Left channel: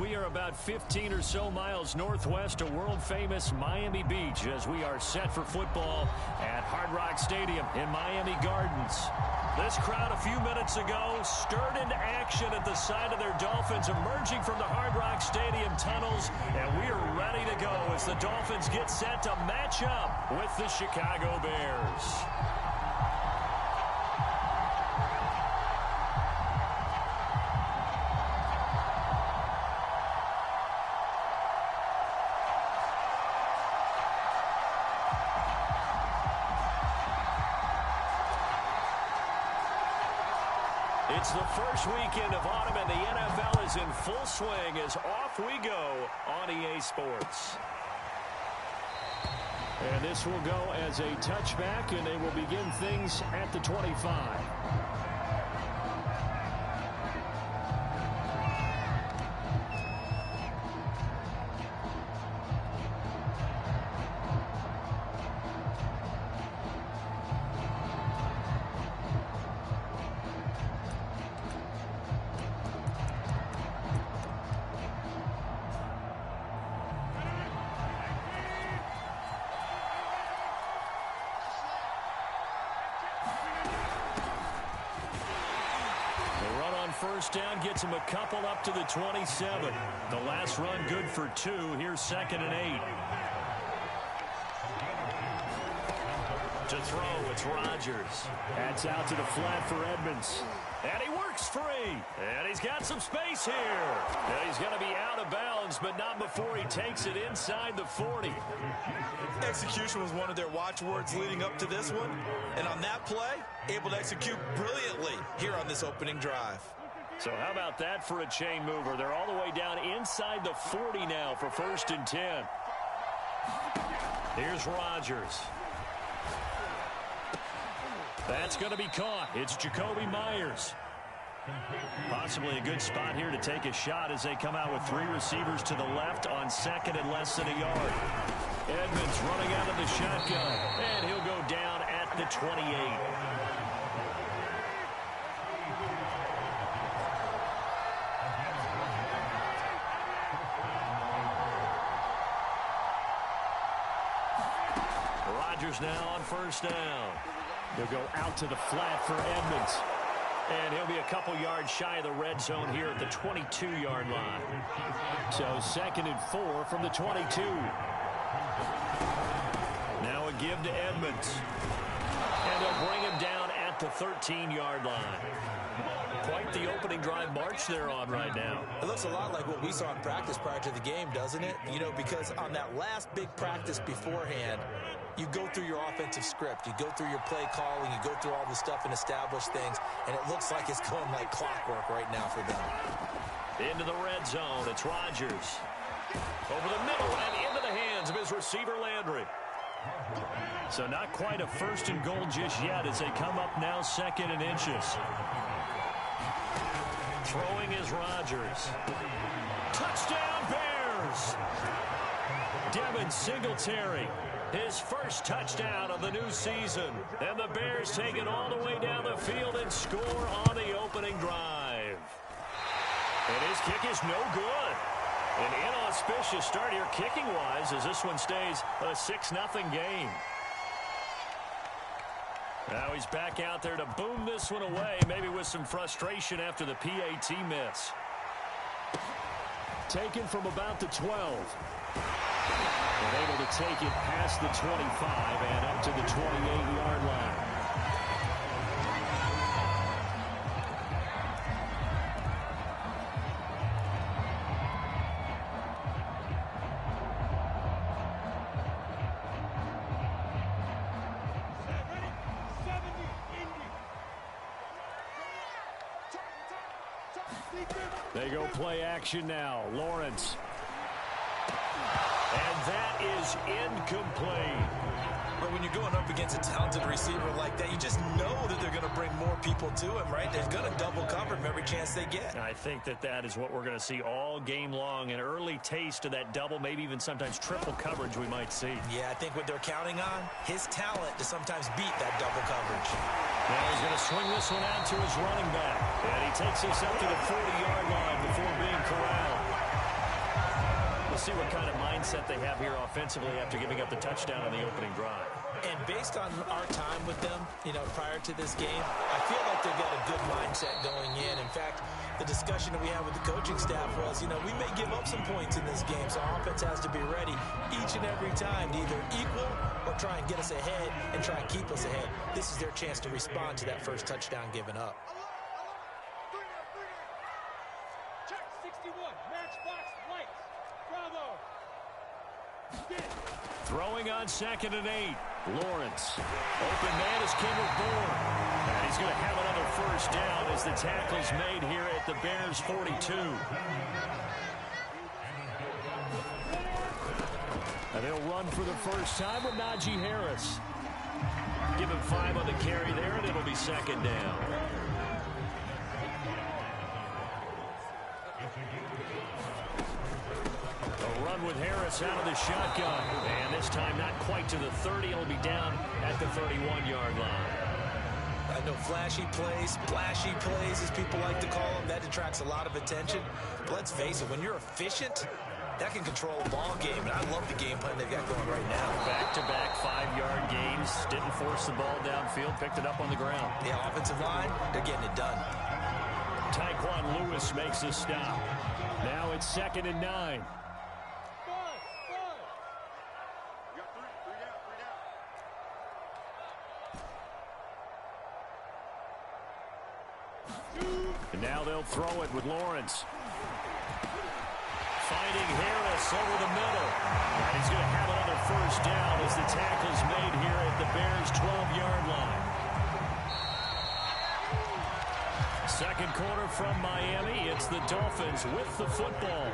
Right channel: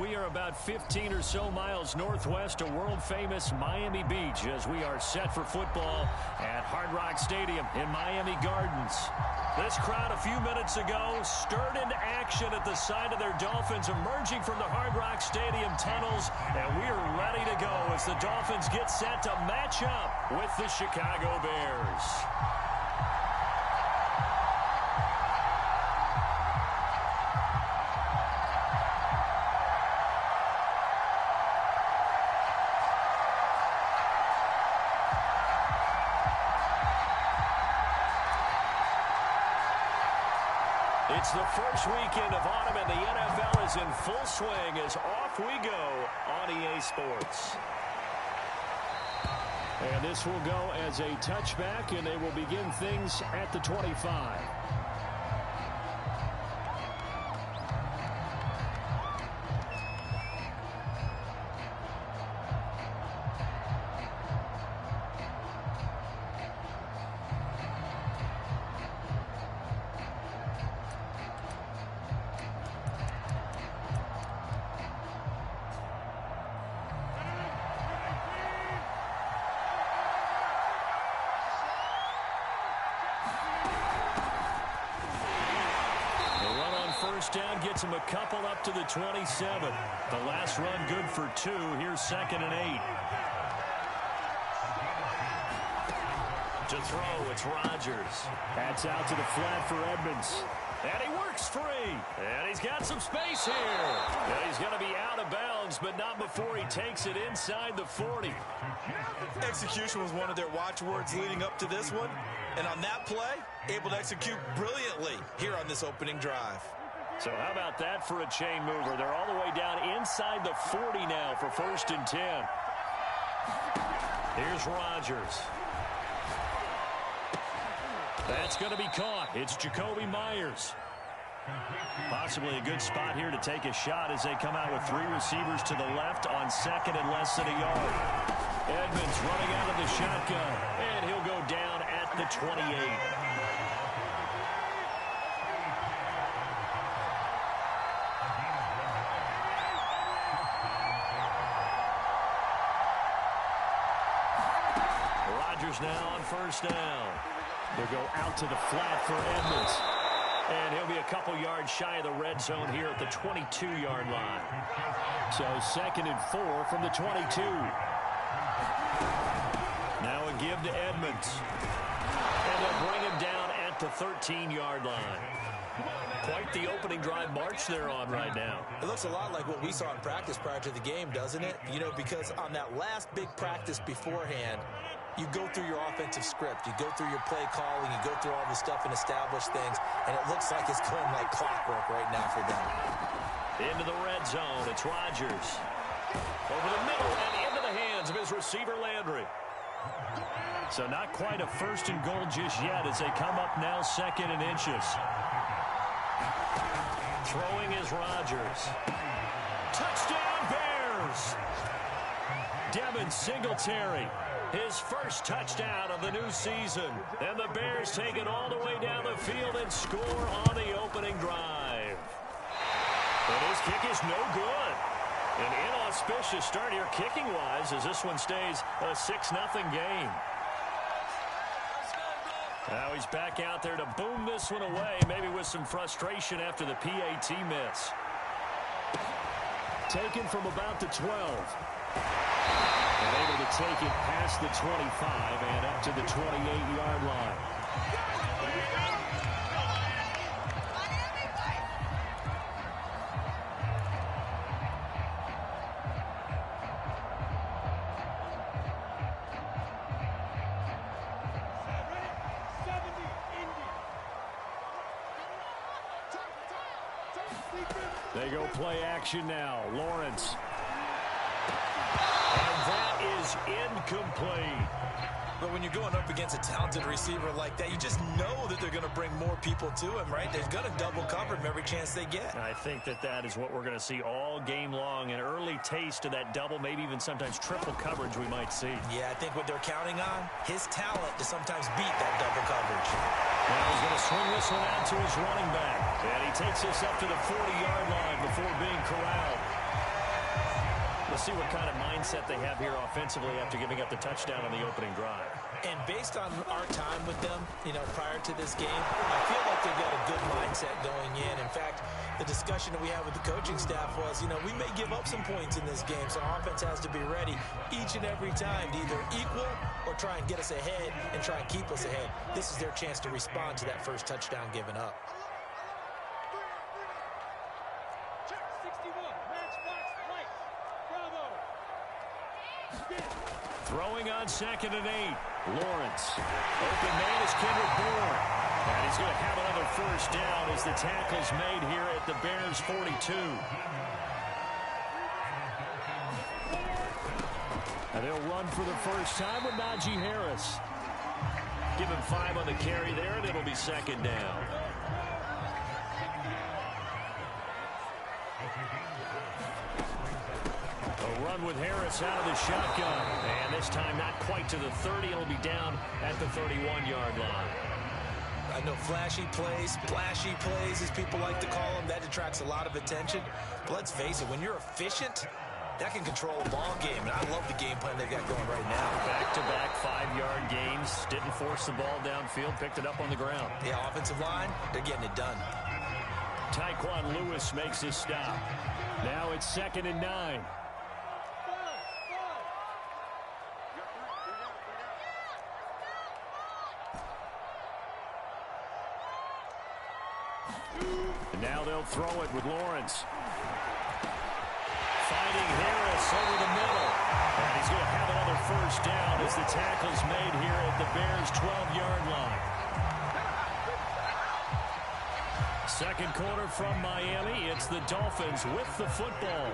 we are about 15 or so miles northwest of world-famous Miami Beach as we are set for football at Hard Rock Stadium in Miami Gardens. This crowd a few minutes ago stirred into action at the side of their Dolphins emerging from the Hard Rock Stadium tunnels, and we are ready to go as the Dolphins get set to match up with the Chicago Bears. It's the first weekend of autumn, and the NFL is in full swing as off we go on EA Sports. And this will go as a touchback, and they will begin things at the 25. First down gets him a couple up to the 27. The last run good for 2. Here's 2nd and 8. To throw, it's Rodgers. That's out to the flat for Edmonds. And he works free. And he's got some space here. And he's going to be out of bounds, but not before he takes it inside the 40. Execution was one of their watchwords leading up to this one. And on that play, able to execute brilliantly here on this opening drive. So how about that for a chain mover? They're all the way down inside the 40 now for 1st and 10. Here's Rodgers. That's going to be caught. It's Jacoby Myers. Possibly a good spot here to take a shot as they come out with 3 receivers to the left on 2nd and less than a yard. Edmonds running out of the shotgun, and he'll go down at the 28. Rodgers now on 1st down. He'll go out to the flat for Edmonds. And he'll be a couple yards shy of the red zone here at the 22-yard line. So 2nd and 4 from the 22. Now a give to Edmonds. And they'll bring him down at the 13-yard line. Quite the opening drive march they're on right now. It looks a lot like what we saw in practice prior to the game, doesn't it? You know, because on that last big practice beforehand, you go through your offensive script. You go through your play calling. You go through all the stuff and establish things. And it looks like it's going like clockwork right now for them. Into the red zone. It's Rodgers. Over the middle and into the hands of his receiver, Landry. So not quite a 1st and goal just yet as they come up now 2nd and inches. Throwing is Rodgers. Touchdown, Bears! Devin Singletary. His first touchdown of the new season. And the Bears take it all the way down the field and score on the opening drive. And his kick is no good. An inauspicious start here kicking-wise as this one stays a 6-0 game. Now he's back out there to boom this one away, maybe with some frustration after the PAT miss. Taken from about the 12. And able to take it past the 25 and up to the 28-yard line. They go play action now. Lawrence. And that is incomplete. But when you're going up against a talented receiver like that, you just know that they're going to bring more people to him, right? They're going to double cover him every chance they get. I think that is what we're going to see all game long. An early taste of that double, maybe even sometimes triple coverage we might see. Yeah, I think what they're counting on, his talent to sometimes beat that double coverage. Now he's going to swing this one out to his running back. And he takes this up to the 40-yard line before being corralled. We'll see what kind of mindset they have here offensively after giving up the touchdown on the opening drive. And based on our time with them, prior to this game, I feel like they've got a good mindset going in. In fact, the discussion that we had with the coaching staff was, we may give up some points in this game, so our offense has to be ready each and every time to either equal or try and get us ahead and try and keep us ahead. This is their chance to respond to that first touchdown given up. Check 61, matchbox lights. Bravo. Throwing on 2nd and 8. Lawrence. Open man is Kendrick Bourne. And he's going to have another first down as the tackle's made here at the Bears 42. And they'll run for the first time with Najee Harris. Give him 5 on the carry there, and it'll be 2nd down. A run with Harris out of the shotgun. And this time not quite to the 30. It'll be down at the 31-yard line. I know flashy plays, splashy plays, as people like to call them, that detracts a lot of attention. But let's face it, when you're efficient, that can control a ball game. And I love the game plan they've got going right now. Back-to-back 5-yard gains. Didn't force the ball downfield. Picked it up on the ground. The offensive line, they're getting it done. Tyquan Lewis makes a stop. Now it's 2nd and 9. And now they'll throw it with Lawrence. Finding Harris over the middle. And he's going to have another first down as the tackle's made here at the Bears' 12-yard line. Second quarter from Miami. It's the Dolphins with the football.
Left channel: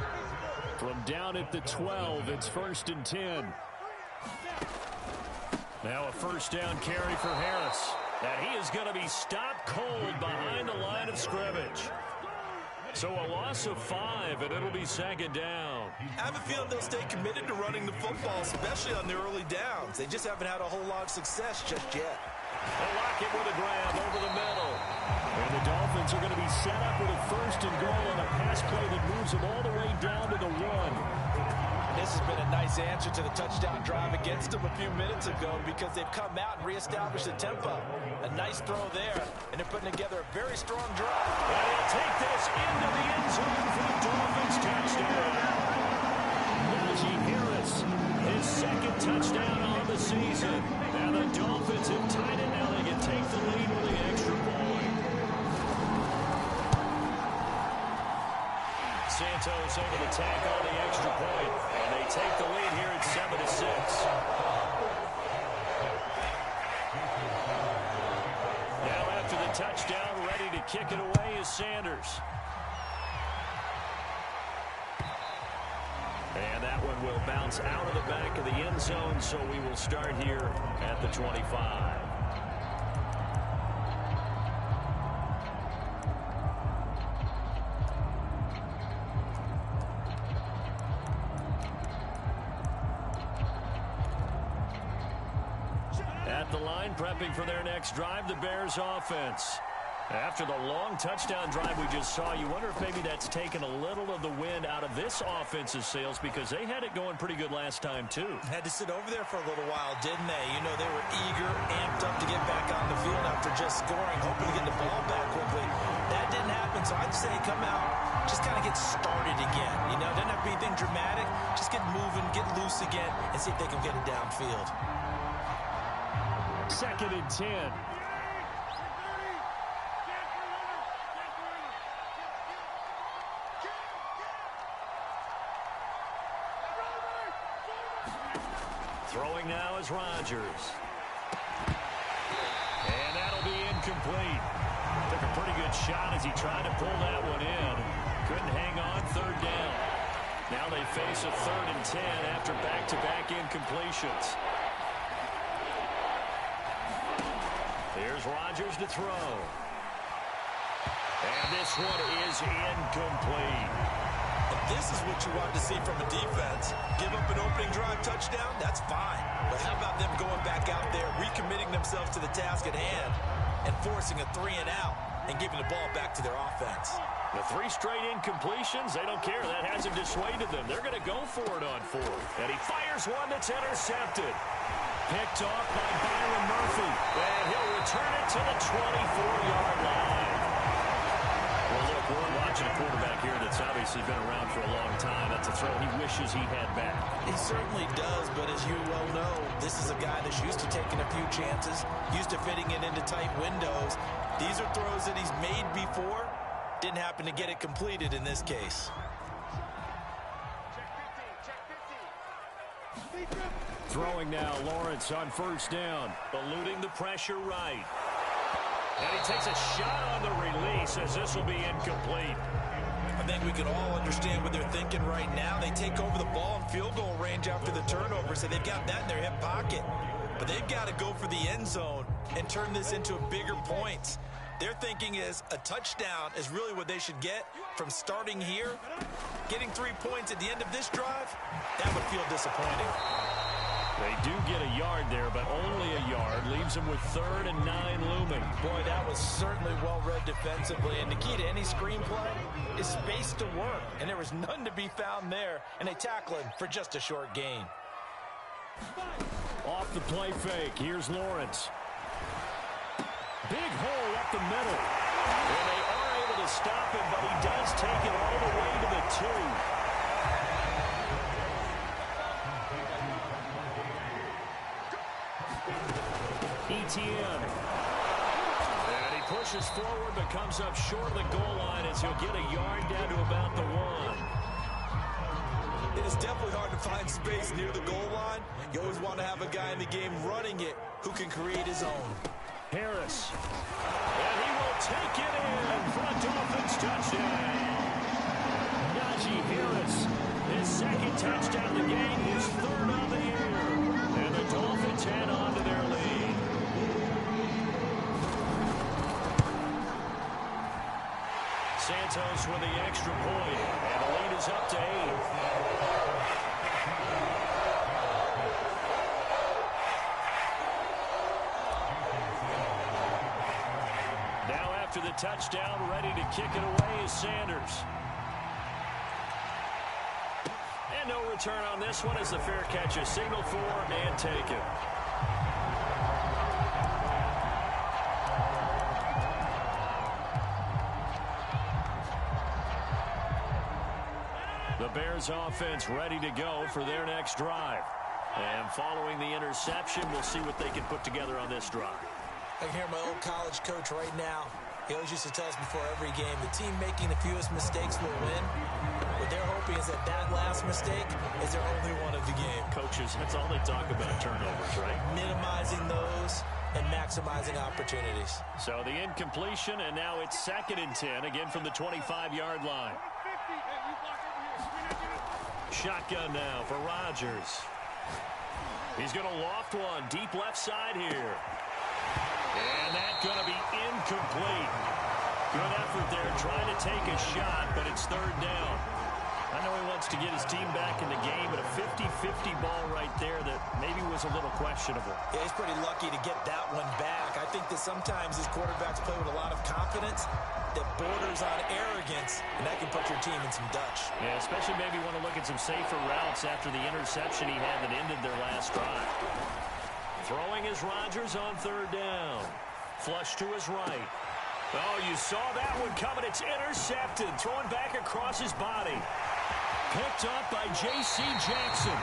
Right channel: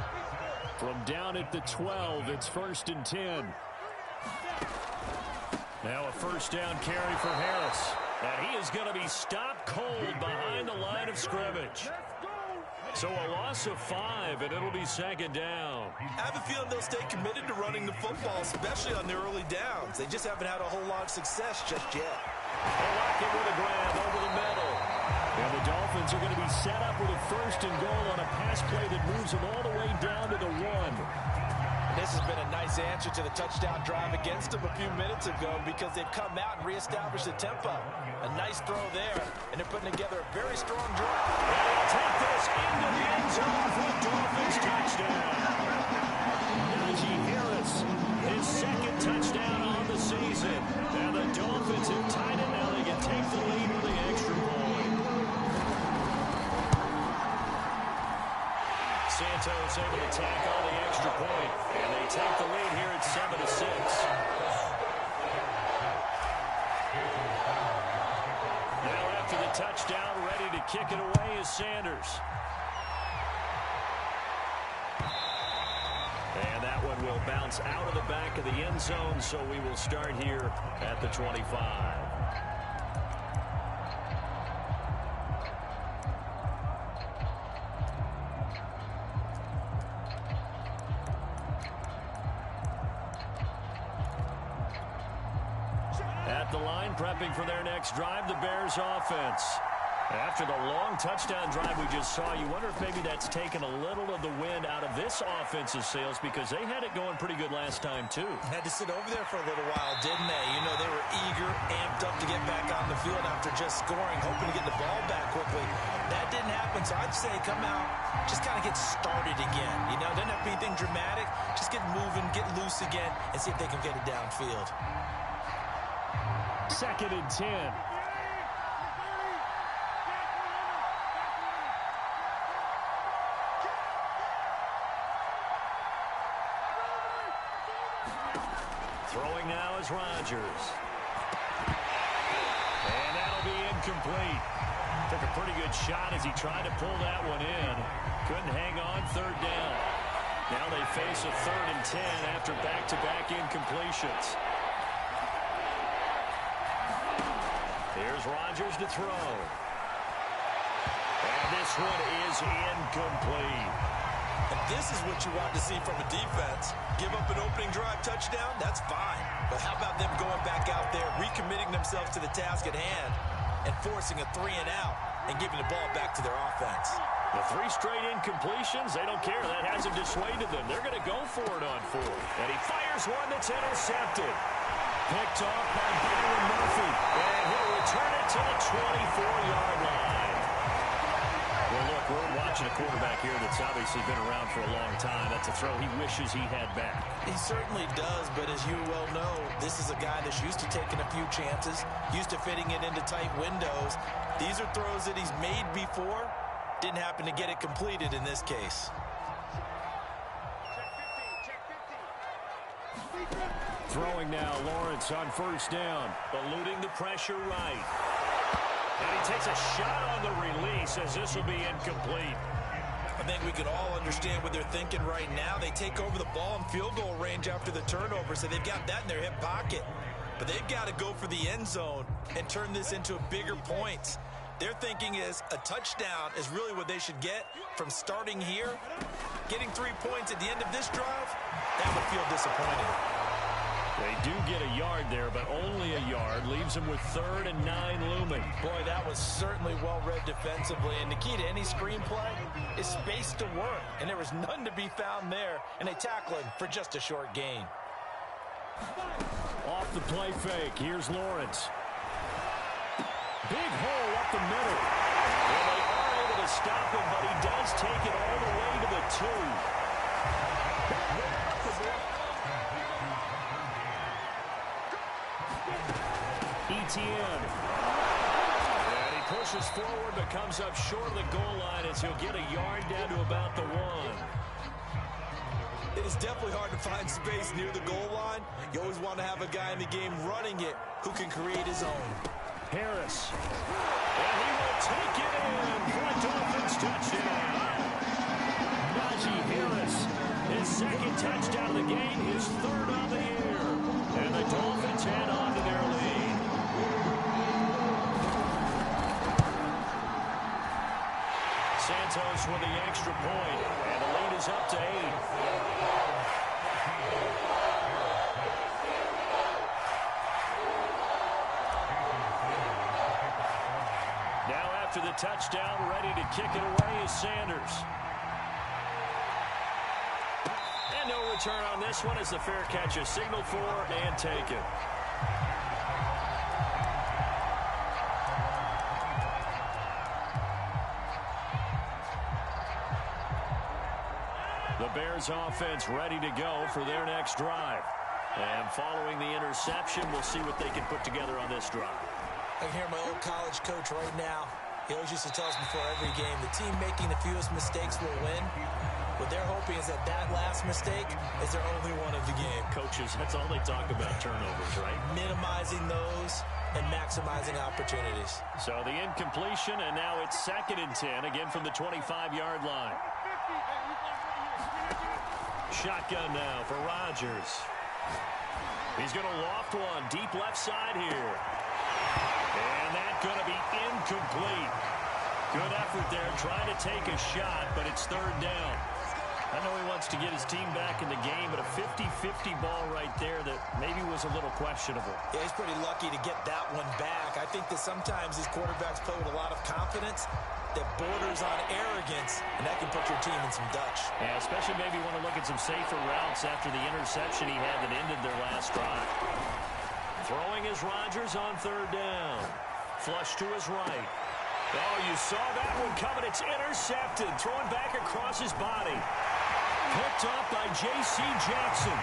From down at the 12, it's 1st and 10. Now a first down carry for Harris. And he is going to be stopped cold behind the line of scrimmage. So a loss of 5, and it'll be 2nd down. I have a feeling they'll stay committed to running the football, especially on their early downs. They just haven't had a whole lot of success just yet. They lock it with a grab over the middle. And the Dolphins are going to be set up with a 1st and goal on a pass play that moves them all the way down to the 1. This has been a nice answer to the touchdown drive against them a few minutes ago because they've come out and reestablished the tempo. A nice throw there, and they're putting together a very strong drive. And he'll take this into the end zone for a Dolphins touchdown. Najee Harris, his 2nd touchdown on the season. And the Dolphins have tied it. Now they can take the lead with the extra point. Santos able to tack on the extra point, and they take the lead here at 7-6. Now after the touchdown, ready to kick it away is Sanders. And that one will bounce out of the back of the end zone, so we will start here at the 25. At the line, prepping for their next drive, the Bears offense. After the long touchdown drive we just saw, you wonder if maybe that's taken a little of the wind out of this offense's sails because they had it going pretty good last time, too. Had to sit over there for a little while, didn't they? They were eager, amped up to get back on the field after just scoring, hoping to get the ball back quickly. That didn't happen, so I'd say come out, just kind of get started again. Doesn't have to be anything dramatic. Just get moving, get loose again, and see if they can get it downfield. 2nd and 10. Throwing now is Rodgers. And that'll be incomplete. Took a pretty good shot as he tried to pull that one in. Couldn't hang on, 3rd down. Now they face a 3rd and 10 after back-to-back incompletions. Here's Rodgers to throw. And this one is incomplete. And this is what you want to see from a defense. Give up an opening drive touchdown, that's fine. But how about them going back out there, recommitting themselves to the task at hand, and forcing a 3 and out and giving the ball back to their offense. The 3 straight incompletions, they don't care. That hasn't dissuaded them. They're going to go for it on 4. And he fires one that's intercepted. Picked off by Byron Murphy. And he'll return it to the 24-yard line. Well, look, we're watching a quarterback here that's obviously been around for a long time. That's a throw he wishes he had back. He certainly does, but as you well know, this is a guy that's used to taking a few chances, used to fitting it into tight windows. These are throws that he's made before. Didn't happen to get it completed in this case. Throwing now, Lawrence on first down. Eluding the pressure right. And he takes a shot on the release as this will be incomplete. I think we can all understand what they're thinking right now. They take over the ball in field goal range after the turnover, so they've got that in their hip pocket. But they've got to go for the end zone and turn this into bigger points. Their thinking is a touchdown is really what they should get from starting here. Getting 3 points at the end of this drive, that would feel disappointing. They do get a yard there, but only a yard. Leaves them with 3rd and 9 looming. Boy, that was certainly well-read defensively. And the key to any screenplay is space to work. And there was none to be found there. And they tackle him for just a short gain. Off the play fake. Here's Lawrence. Big hole up the middle. And they are able to stop him, but he does take it all the way to the 2. Etienne. And he pushes forward but comes up short of the goal line as he'll get a yard down to about the 1. It is definitely hard to find space near the goal line. You always want to have a guy in the game running it who can create his own. Harris. And he will take it in for a Dolphins touchdown. Najee Harris, his 2nd touchdown of the game, his 3rd of the year. And the Dolphins head on to their lead. Santos with the extra point, and the lead is up to 8. Now after the touchdown, ready to kick it away is Sanders. And no return on this one as the fair catch is signaled for and taken. The Bears offense ready to go for their next drive. And following the interception, we'll see what they can put together on this drive. I can hear my old college coach right now. He always used to tell us before every game, the team making the fewest mistakes will win. What they're hoping is that that last mistake is their only one of the game. Coaches, that's all they talk about, turnovers, right? Minimizing those and maximizing opportunities. So the incompletion, and now it's 2nd and 10, again from the 25-yard line. Shotgun now for Rodgers. He's going to loft one deep left side here. And that's going to be incomplete. Good effort there trying to take a shot, but it's 3rd down. I know he wants to get his team back in the game, but a 50-50 ball right there that maybe was a little questionable. Yeah, he's pretty lucky to get that one back. I think that sometimes these quarterbacks play with a lot of confidence that borders on arrogance, and that can put your team in some Dutch. Yeah, especially maybe want to look at some safer routes after the interception he had that ended their last drive. Throwing is Rodgers on 3rd down. Flush to his right. Oh, you saw that one coming. It's intercepted. Throwing back across his body. Picked up by J.C. Jackson.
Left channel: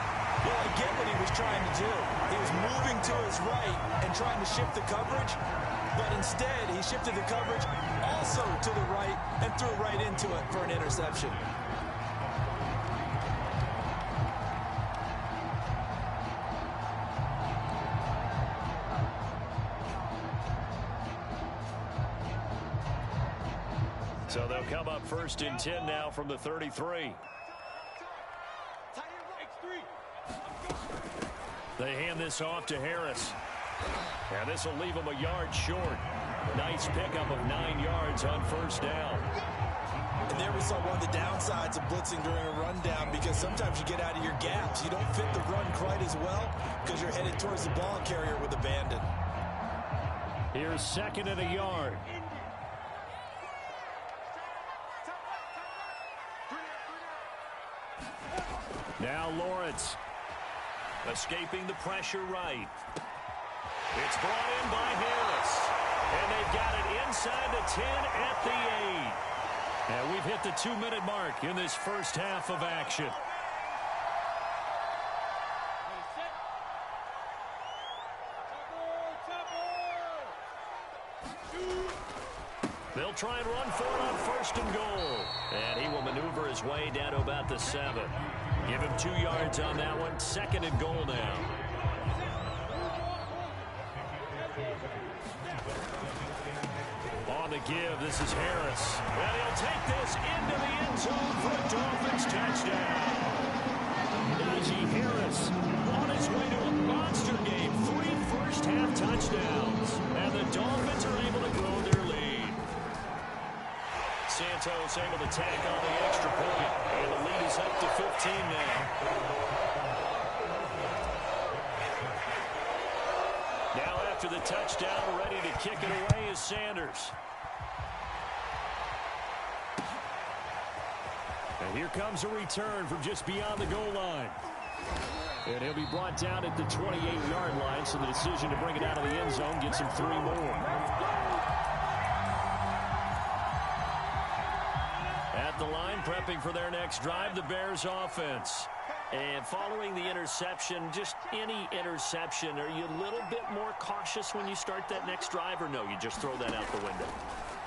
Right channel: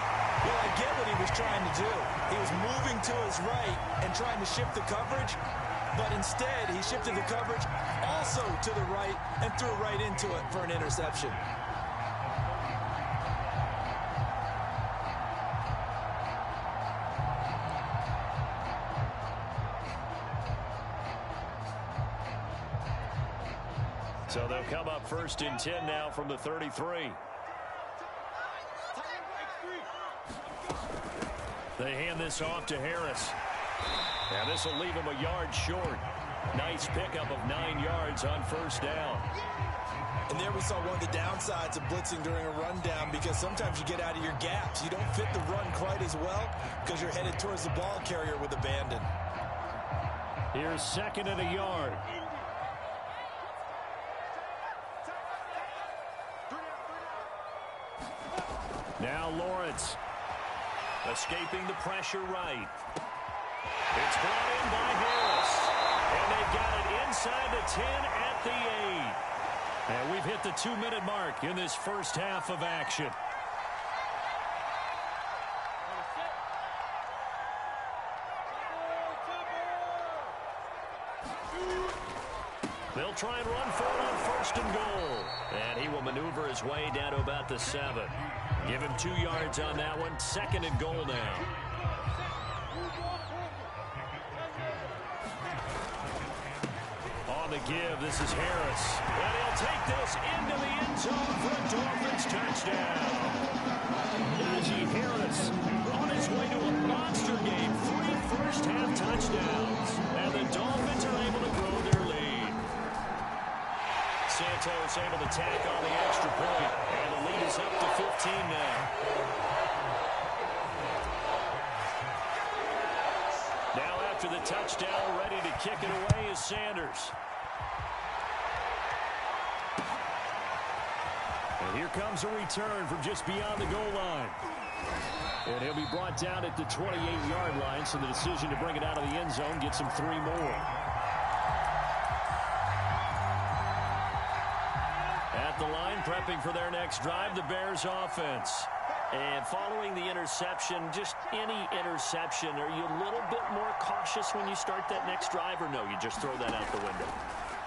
Well, I get what he was trying to do. He was moving to his right and trying to shift the coverage, but instead he shifted the coverage also to the right and threw right into it for an interception. So they'll come up 1st and 10 now from the 33. They hand this off to Harris. And this will leave him a yard short. Nice pickup of 9 yards on 1st down. And there we saw one of the downsides of blitzing during a rundown, because sometimes you get out of your gaps. You don't fit the run quite as well because you're headed towards the ball carrier with abandon. Here's second and a yard. Now Lawrence. Escaping the pressure right. It's brought in by Harris. And they've got it inside the 10 at the 8. And we've hit the 2-minute mark in this first half of action. They'll try and run for it on first and goal. And he will maneuver his way down to about the 7. Give him 2 yards on that one. Second and goal now. On the give, this is Harris. And he'll take this into the end zone for a Dolphins touchdown. Najee Harris on his way to a monster game. 3 first-half touchdowns. And the Dolphins are able to grow their lead. Santos able to tack on the extra point. And the lead is up to 15 now. Now after the touchdown, ready to kick it away is Sanders. And here comes a return from just beyond the goal line. And he'll be brought down at the 28-yard line, so the decision to bring it out of the end zone gets him 3 more. At the line, prepping for their next drive, the Bears offense. And following the interception, just any interception, are you a little bit more cautious when you start that next drive, or no, you just throw that out the window?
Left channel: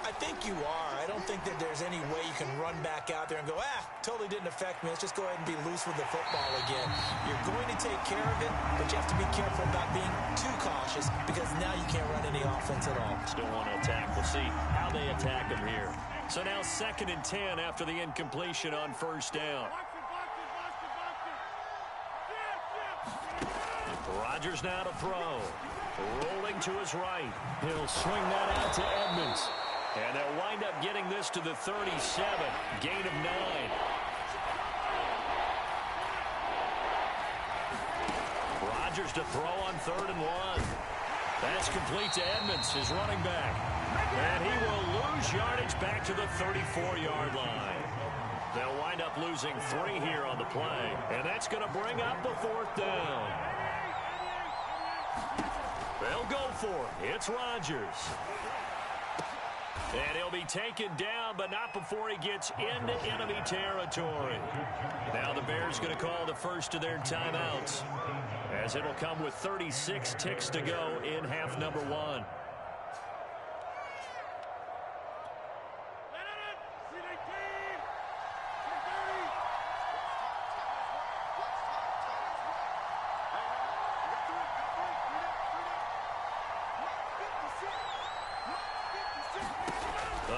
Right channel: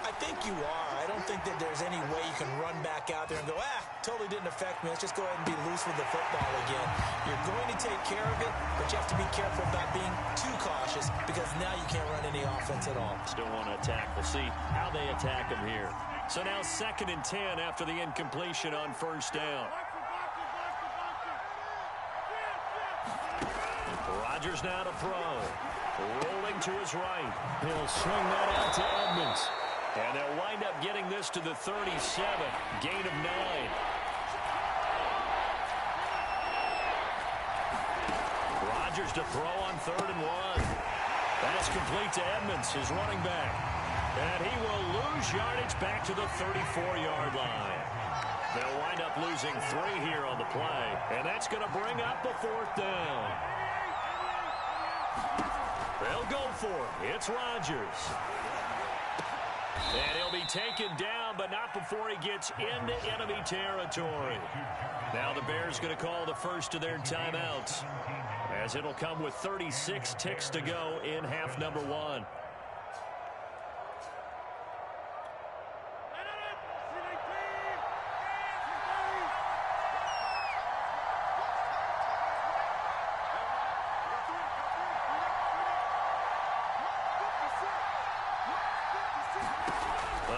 I think you are. I don't think that there's any way you can run back out there and go, totally didn't affect me. Let's just go ahead and be loose with the football again. You're going to take care of it, but you have to be careful about being too cautious because now you can't run any offense at all. Still want to attack. We'll see how they attack him here. So now 2nd and 10 after the incompletion on first down. Rodgers now to throw. Rolling to his right. He'll swing that out to Edmonds. And they'll wind up getting this to the 37. Gain of 9. Rodgers to throw on 3rd and 1. That's complete to Edmonds, his running back. And he will lose yardage back to the 34-yard line. They'll wind up losing 3 here on the play. And that's going to bring up a 4th down. They'll go for it. It's Rodgers. And he'll be taken down, but not before he gets into enemy territory. Now the Bears going to call the first of their timeouts, as it'll come with 36 ticks to go in half number 1.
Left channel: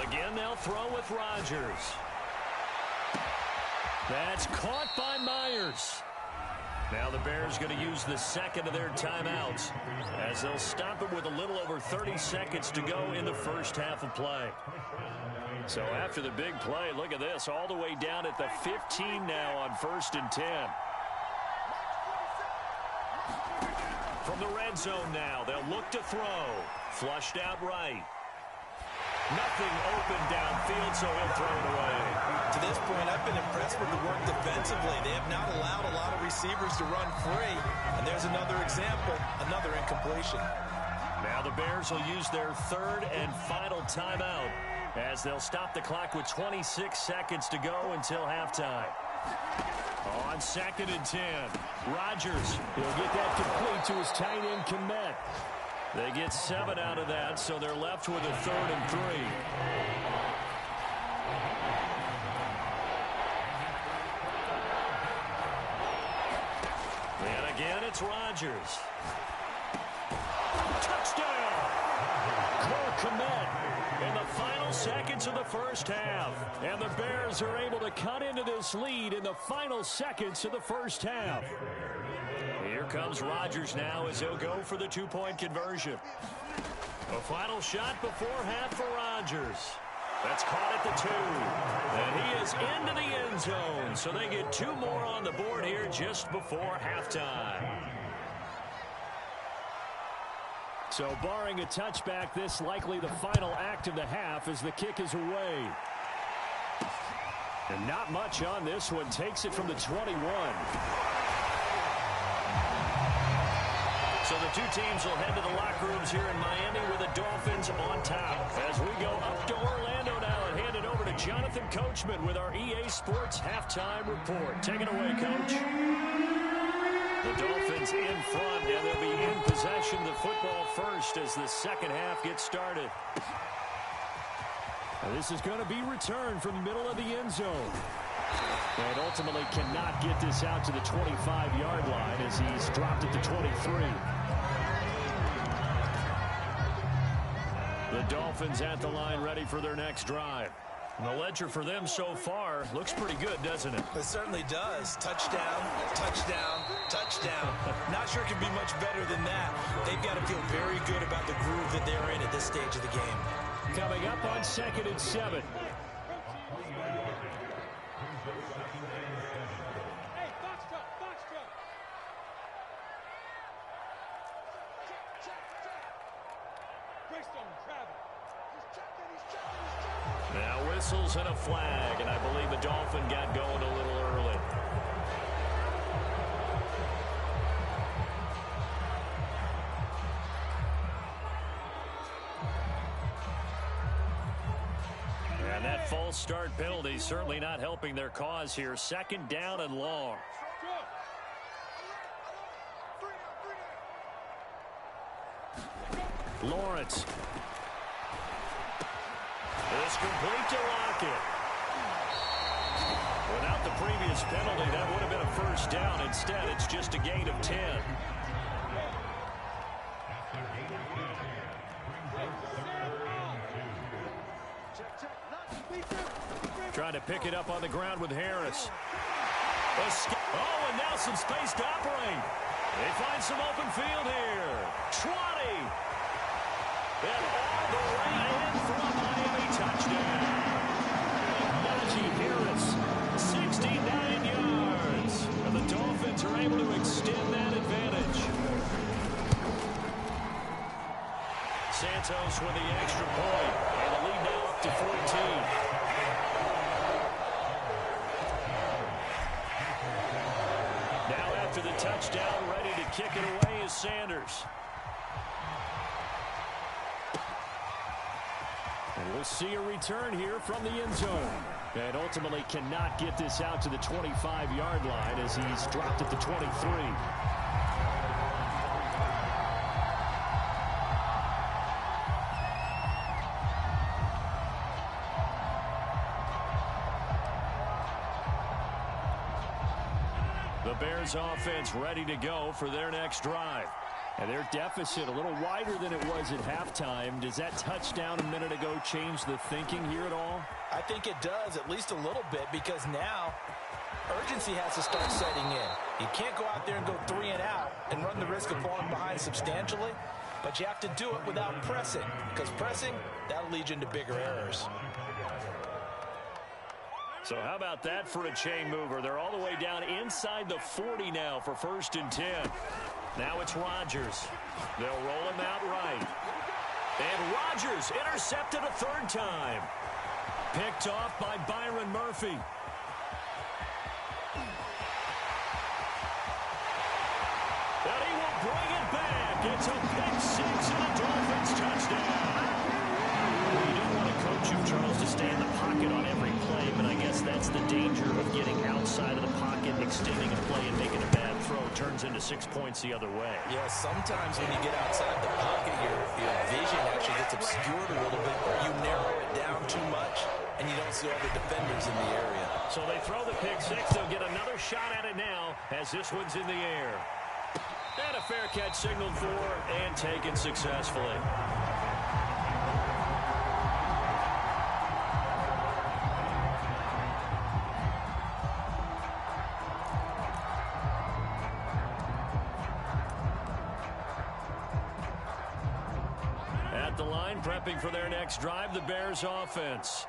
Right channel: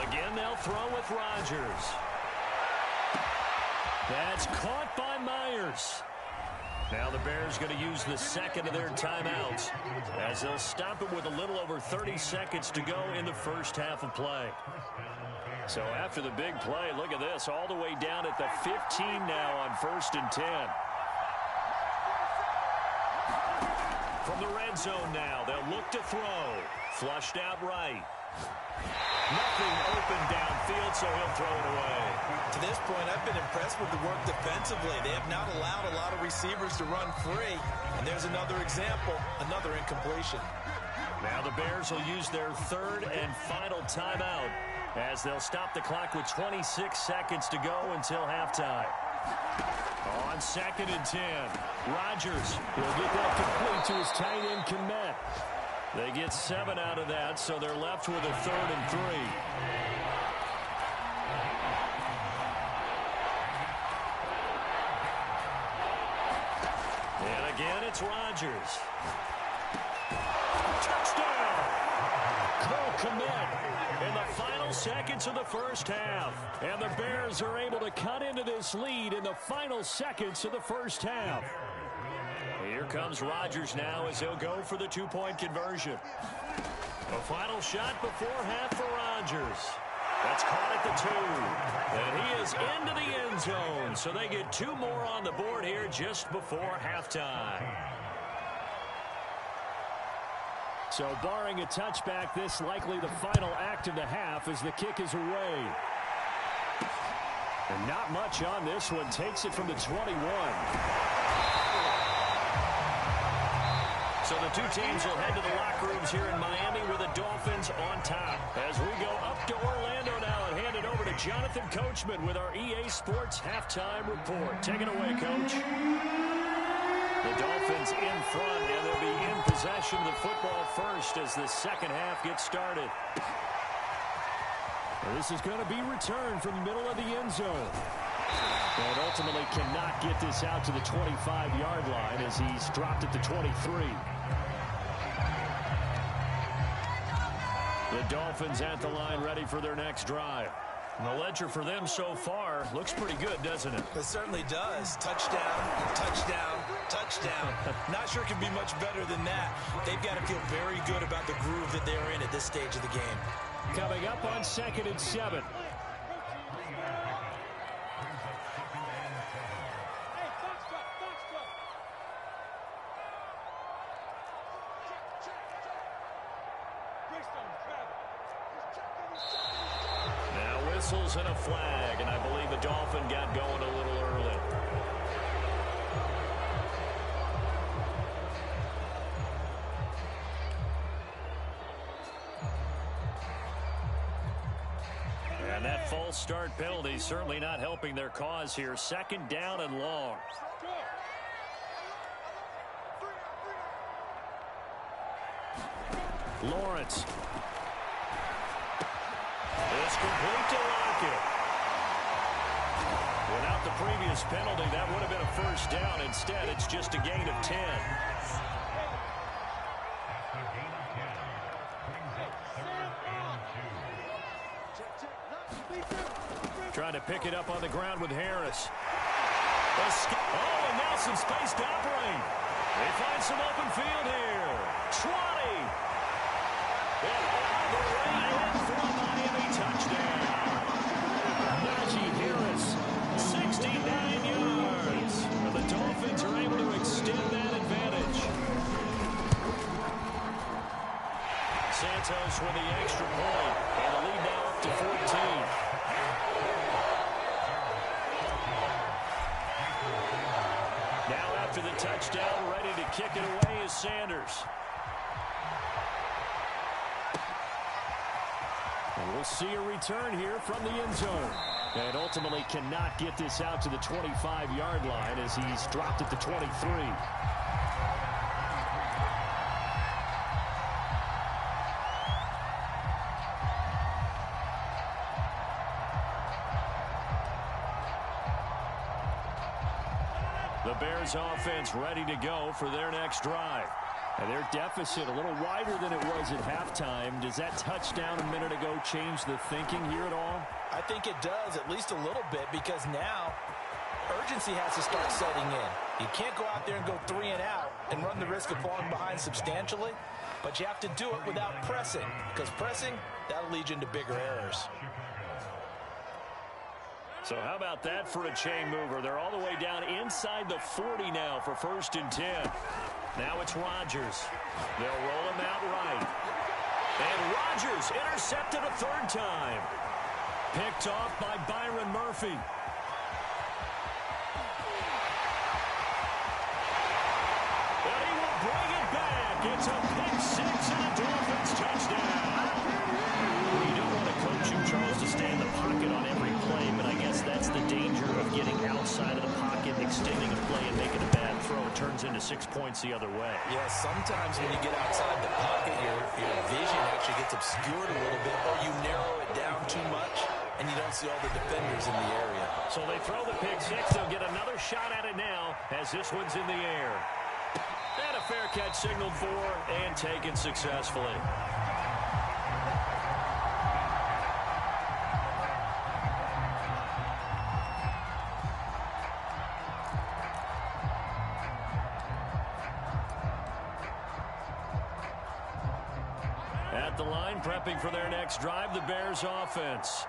Again, they'll throw with Rodgers. That's caught by Myers. Now the Bears going to use the second of their timeouts, as they'll stop it with a little over 30 seconds to go in the first half of play. So after the big play, look at this, all the way down at the 15 now on 1st and 10. From the red zone now, they'll look to throw. Flushed out right. Nothing open downfield, so he'll throw it away. To this point, I've been impressed with the work defensively. They have not allowed a lot of receivers to run free. And there's another example, another incompletion. Now the Bears will use their 3rd and final timeout, as they'll stop the clock with 26 seconds to go until halftime. On 2nd and 10, Rodgers. He'll get that complete to his tight end, Kmet. They get 7 out of that, so they're left with a 3rd and 3. And again, it's Rodgers. Touchdown! Cole Kmet in the final seconds of the first half. And the Bears are able to cut into this lead in the final seconds of the first half. Here comes Rodgers now as he'll go for the 2-point conversion. A final shot before half for Rodgers. That's caught at the 2. And he is into the end zone. So they get 2 more on the board here just before halftime. So barring a touchback, this likely the final act of the half as the kick is away. And not much on this one. Takes it from the 21. So the two teams will head to the locker rooms here in Miami with the Dolphins on top. As we go up to Orlando now and hand it over to Jonathan Coachman with our EA Sports Halftime Report. Take it away, Coach. The Dolphins in front, and they'll be in possession of the football first as the second half gets started. And this is going to be returned from the middle of the end zone. And ultimately cannot get this out to the 25-yard line as he's dropped at the 23. The Dolphins at the line ready for their next drive. And the ledger for them so far looks pretty good, doesn't it? It certainly does. Touchdown, touchdown, touchdown. Not sure it can be much better than that. They've got to feel very good about the groove that they're in at this stage of the game. Coming up on 2nd and 7. Now whistles and a flag, and I believe the Dolphin got going a little early. And that false start penalty certainly not helping their cause here. 2nd down and long. Lawrence. It's complete to Lockett. Without the previous penalty, that would have been a first down. Instead, it's just a gain of 10. Trying to pick it up on the ground with Harris. Oh, and now some space to operate. They find some open field here. 20. And all the way in for a Miami touchdown. Najee Harris, 69 yards. And the Dolphins are able to extend that advantage. Santos with the extra point. And the lead now up to 14. Now after the touchdown, ready to kick it away is Sanders. And we'll see a return here from the end zone. And ultimately cannot get this out to the 25-yard line as he's dropped at the 23. The Bears offense ready to go for their next drive. And their deficit a little wider than it was at halftime. Does that touchdown a minute ago change the thinking here at all? I think it does, at least a little bit, because now urgency has to start setting in. You can't go out there and go 3 and out and run the risk of falling behind substantially, but you have to do it without pressing, because pressing, that'll lead you into bigger errors. So how about that for a chain mover? They're all the way down inside the 40 now for 1st and 10. Now it's Rodgers. They'll roll him out right. And Rodgers intercepted a 3rd time. Picked off by Byron Murphy. And he will bring it back. It's a pick 6 and a Dolphins touchdown. Well, you don't want to coach you, Charles, to stay in the pocket on every play, but I guess that's the danger of getting outside of the pocket, extending a play, and making a bad throw. It turns into 6 points the other way. Yeah, sometimes when you get outside the pocket, your vision actually gets obscured a little bit, or you narrow it down too much, and you don't see all the defenders in the area. So they throw the pick 6. They'll get another shot at it now as this one's in the air. And a fair catch signaled for and taken successfully. At the line, prepping for their next drive, the Bears offense.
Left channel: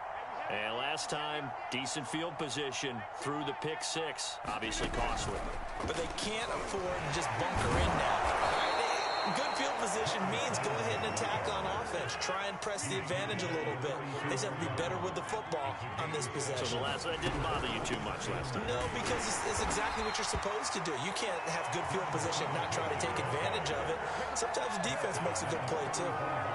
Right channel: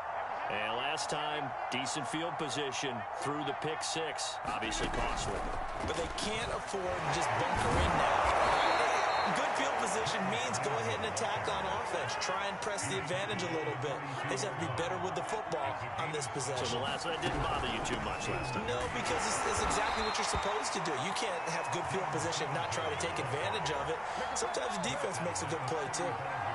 And last time, decent field position through the pick 6. Obviously costly. But they can't afford to just bunker in now. Good field position means go ahead and attack on offense. Try and press the advantage a little bit. They just have to be better with the football on this possession. So that didn't bother you too much last time? No, because it's exactly what you're supposed to do. You can't have good field position and not try to take advantage of it. Sometimes the defense makes a good play, too.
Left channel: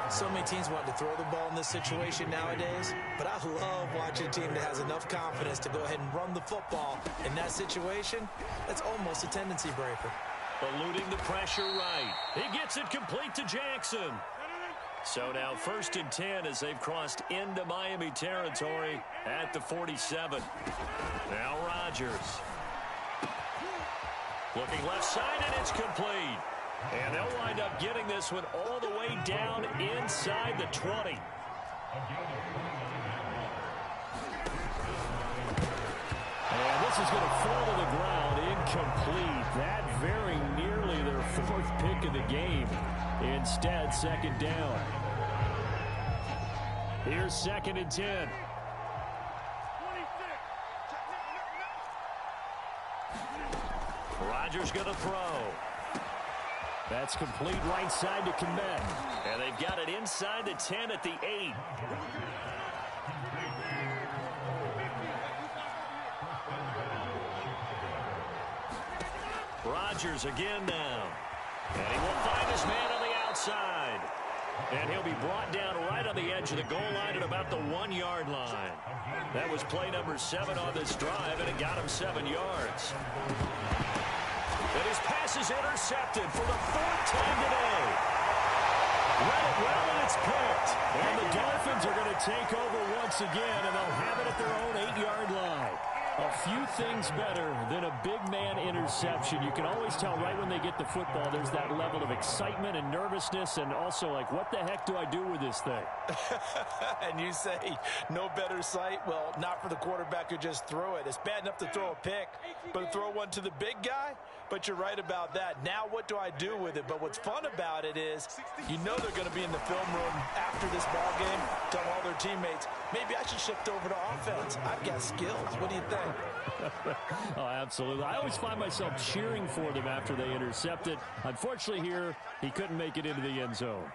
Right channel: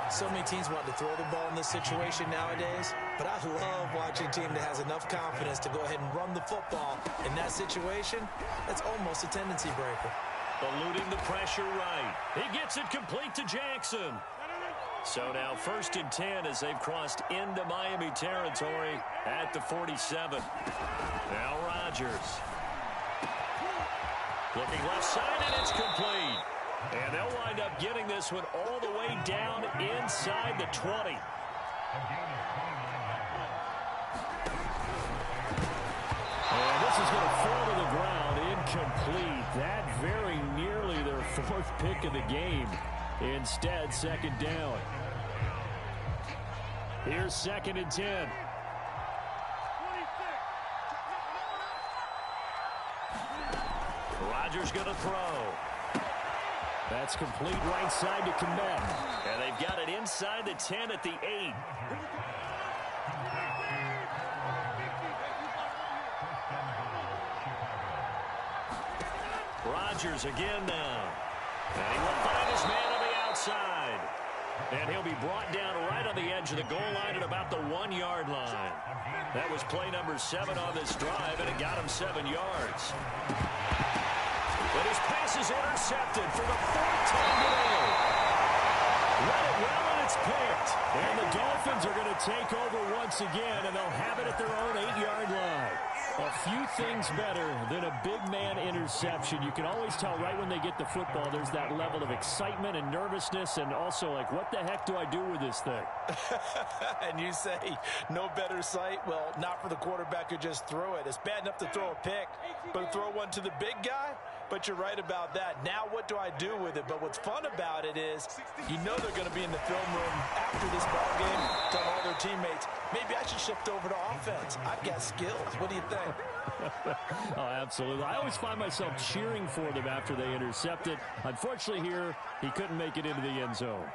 So many teams want to throw the ball in this situation nowadays, but I love watching a team that has enough confidence to go ahead and run the football. In that situation, that's almost a tendency breaker. Eluding the pressure right. He gets it complete to Jackson. So now 1st and 10 as they've crossed into Miami territory at the 47. Now Rodgers. Looking left side, and it's complete. And they'll wind up getting this one all the way down inside the 20. And this is going to fall to the ground, incomplete. That very nearly their 4th pick of the game. Instead, 2nd down. Here's 2nd and 10. Rodgers going to throw. That's complete right side to Kmet. And they've got it inside the 10 at the 8. Rodgers again now. And he will find his man on the outside. And he'll be brought down right on the edge of the goal line at about the 1-yard line. That was play number 7 on this drive, and it got him 7 yards. And his pass is intercepted for the 4th time today. Read it well, and it's picked. And the Dolphins are going to take over once again, and they'll have it at their own 8-yard line. A few things better than a big man interception. You can always tell right when they get the football, there's that level of excitement and nervousness, and also like, what the heck do I do with this thing? And you say, no better sight? Well, not for the quarterback who just threw it. It's bad enough to throw a pick, but to throw one to the big guy? But you're right about that. Now what do I do with it? But what's fun about it is you know they're going to be in the film room after this ball game telling all their teammates, maybe I should shift over to offense. I've got skills. What do you think? Oh, absolutely. I always find myself cheering for them after they intercept it. Unfortunately here, he couldn't make it into the end zone.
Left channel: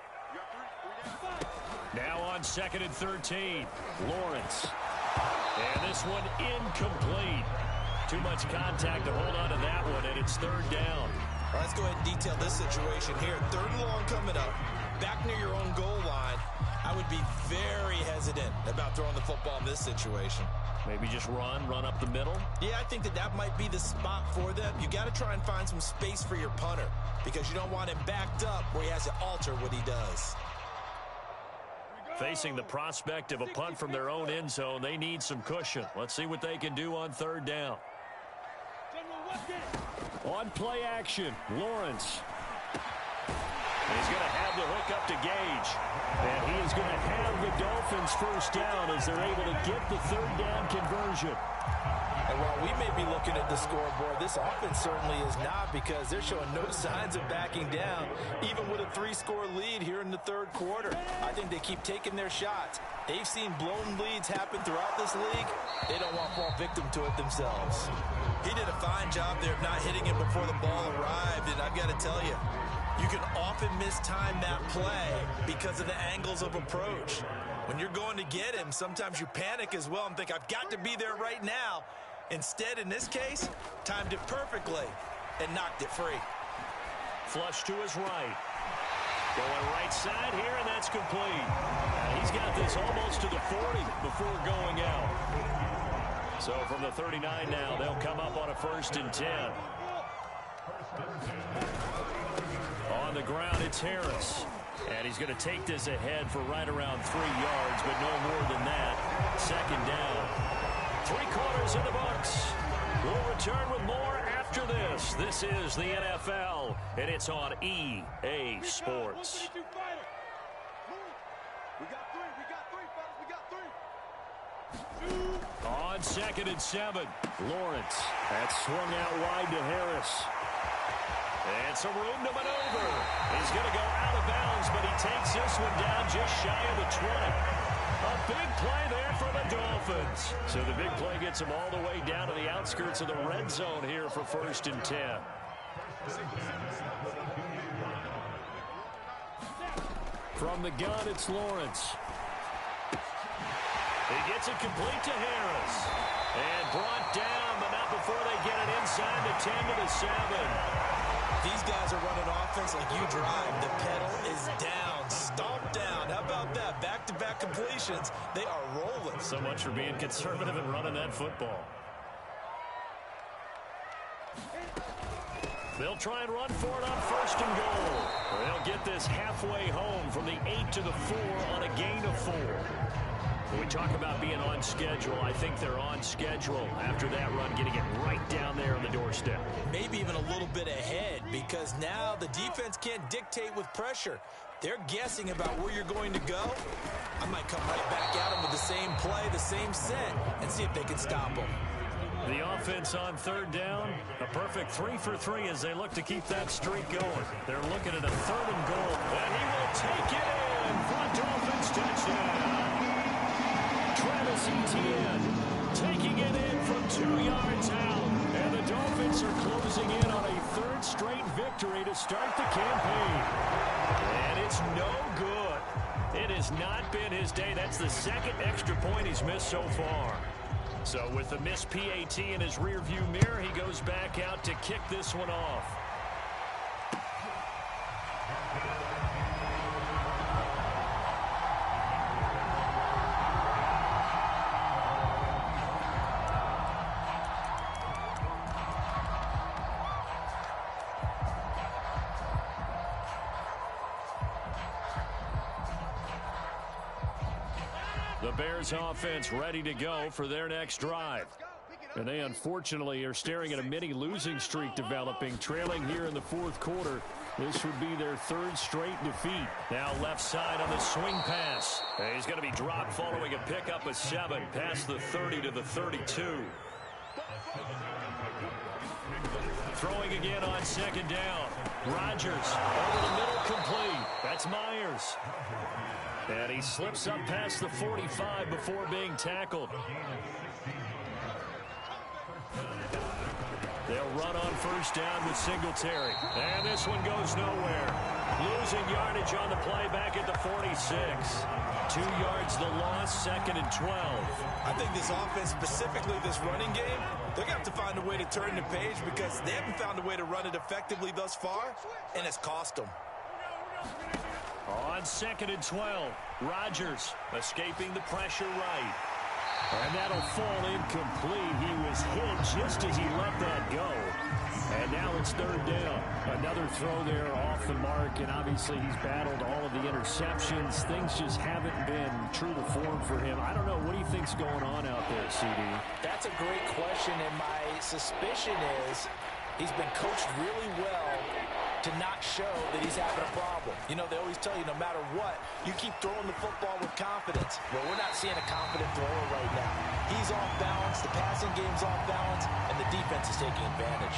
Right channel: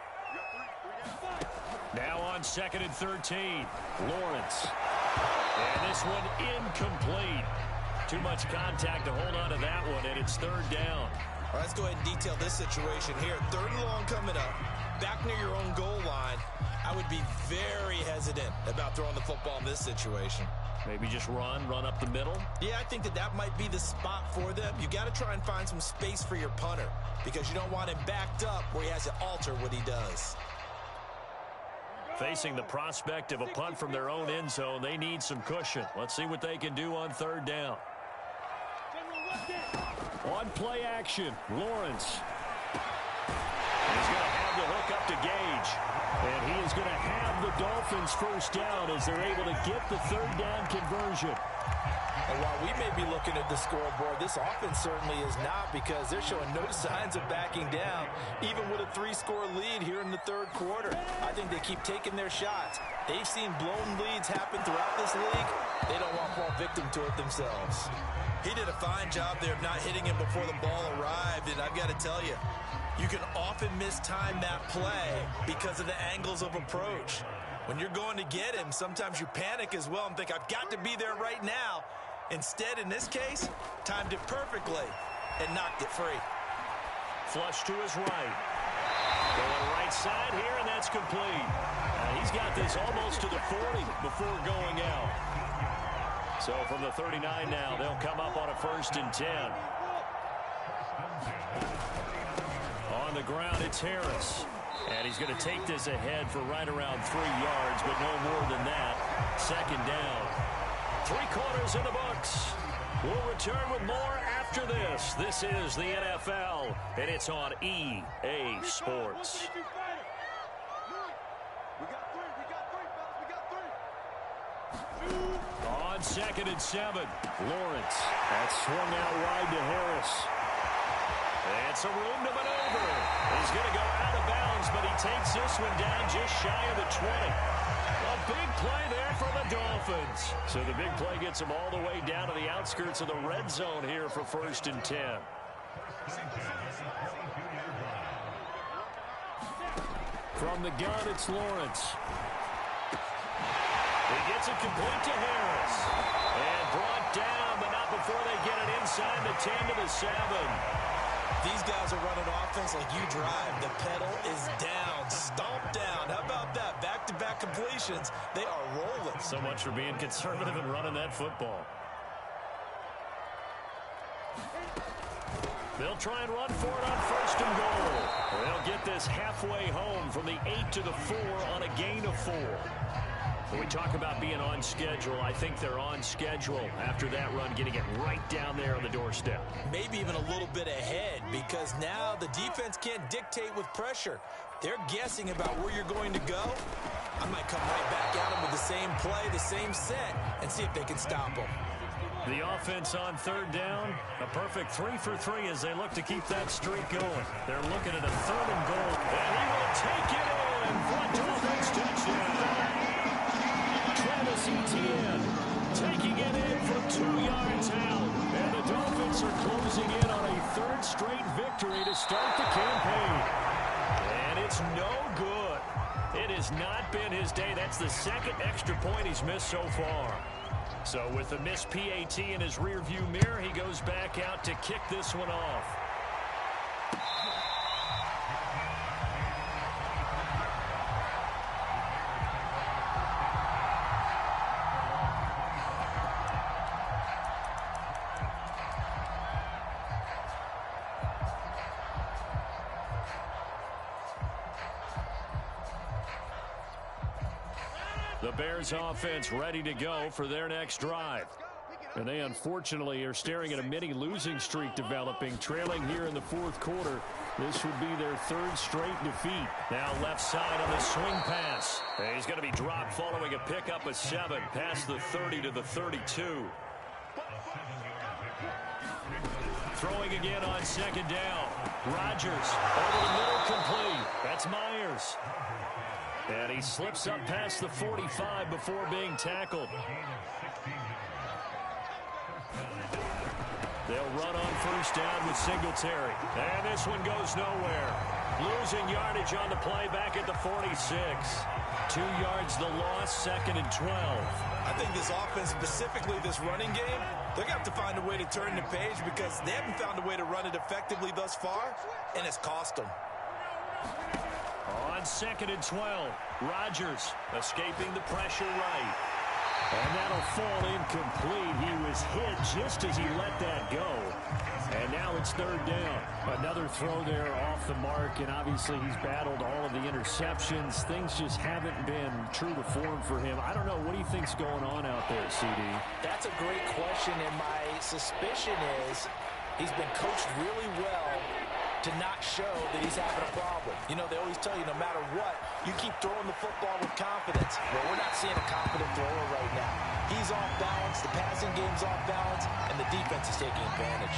Now on 2nd and 13, Lawrence. And this one incomplete. Too much contact to hold on to that one, and it's 3rd down. All right, let's go ahead and detail this situation here. 3rd and long coming up. Back near your own goal line. I would be very hesitant about throwing the football in this situation. Maybe just run up the middle? Yeah, I think that might be the spot for them. You got to try and find some space for your punter because you don't want him backed up where he has to alter what he does. Facing the prospect of a punt from their own end zone, they need some cushion. Let's see what they can do on 3rd down. On play action, Lawrence. He's going to have the hook up to Gage. And he is going to have the Dolphins 1st down as they're able to get the 3rd down conversion. And while we may be looking at the scoreboard, this offense certainly is not because they're showing no signs of backing down, even with a 3-score lead here in the 3rd quarter. I think they keep taking their shots. They've seen blown leads happen throughout this league. They don't want to fall victim to it themselves. He did a fine job there of not hitting him before the ball arrived, and I've got to tell you, you can often mistime that play because of the angles of approach. When you're going to get him, sometimes you panic as well and think, I've got to be there right now. Instead, in this case, timed it perfectly and knocked it free. Flush to his right. Going right side here, and that's complete. He's got this almost to the 40 before going out. So from the 39 now, they'll come up on a 1st and 10. On the ground, it's Harris. And he's going to take this ahead for right around 3 yards, but no more than that. 2nd down. 3 quarters in the books. We'll return with more after this. This is the NFL, and it's on EA Sports. On 2nd and 7, Lawrence. That's swung out wide to Harris. And some room to maneuver. He's going to go out of bounds, but he takes this one down just shy of the 20. A big play there for the Dolphins. So the big play gets him all the way down to the outskirts of the red zone here for 1st and 10. From the gun, it's Lawrence. He gets it complete to Harris. And brought down, but not before they get it inside the 10 to the 7. These guys are running offense like you drive. The pedal is down, stomped down. How about that? Back-to-back completions. They are rolling. So much for being conservative and running that football. They'll try and run for it on 1st and goal. They'll get this halfway home from the 8 to the 4 on a gain of 4. When we talk about being on schedule, I think they're on schedule after that run, getting it right down there on the doorstep. Maybe even a little bit ahead, because now the defense can't dictate with pressure. They're guessing about where you're going to go. I might come right back at them with the same play, the same set, and see if they can stop them. The offense on 3rd down, a perfect 3 for 3 as they look to keep that streak going. They're looking at a 3rd and goal, and he will take it in for a Dolphins touchdown. Travis Etienne taking it in from 2 yards out, and the Dolphins are closing in on a 3rd straight victory to start the campaign. And it's no good. It has not been his day. That's the 2nd extra point he's missed so far. So with the missed PAT in his rearview mirror, he goes back out to kick this one off. The Bears offense ready to go for their next drive. And they unfortunately are staring at a mini losing streak developing, trailing here in the 4th quarter. This would be their 3rd straight defeat. Now left side on the swing pass. And he's going to be dropped following a pickup of 7 past the 30 to the 32. Throwing again on 2nd down. Rodgers over the middle, complete. That's Myers. And he slips up past the 45 before being tackled. They'll run on 1st down with Singletary. And this one goes nowhere. Losing yardage on the play back at the 46. 2 yards the loss, 2nd and 12. I think this offense, specifically this running game, they're going to have to find a way to turn the page because they haven't found a way to run it effectively thus far, and it's cost them. On 2nd and 12, Rodgers escaping the pressure right. And that'll fall incomplete. He was hit just as he let that go. And now it's 3rd down. Another throw there off the mark, and obviously he's battled all of the interceptions. Things just haven't been true to form for him. I don't know. What do you think's going on out there, CD? That's a great question, and my suspicion is he's been coached really well to not show that he's having a problem. You know, they always tell you no matter what, you keep throwing the football with confidence. Well, we're not seeing a confident thrower right now. He's off balance, the passing game's off balance, and the defense is taking advantage.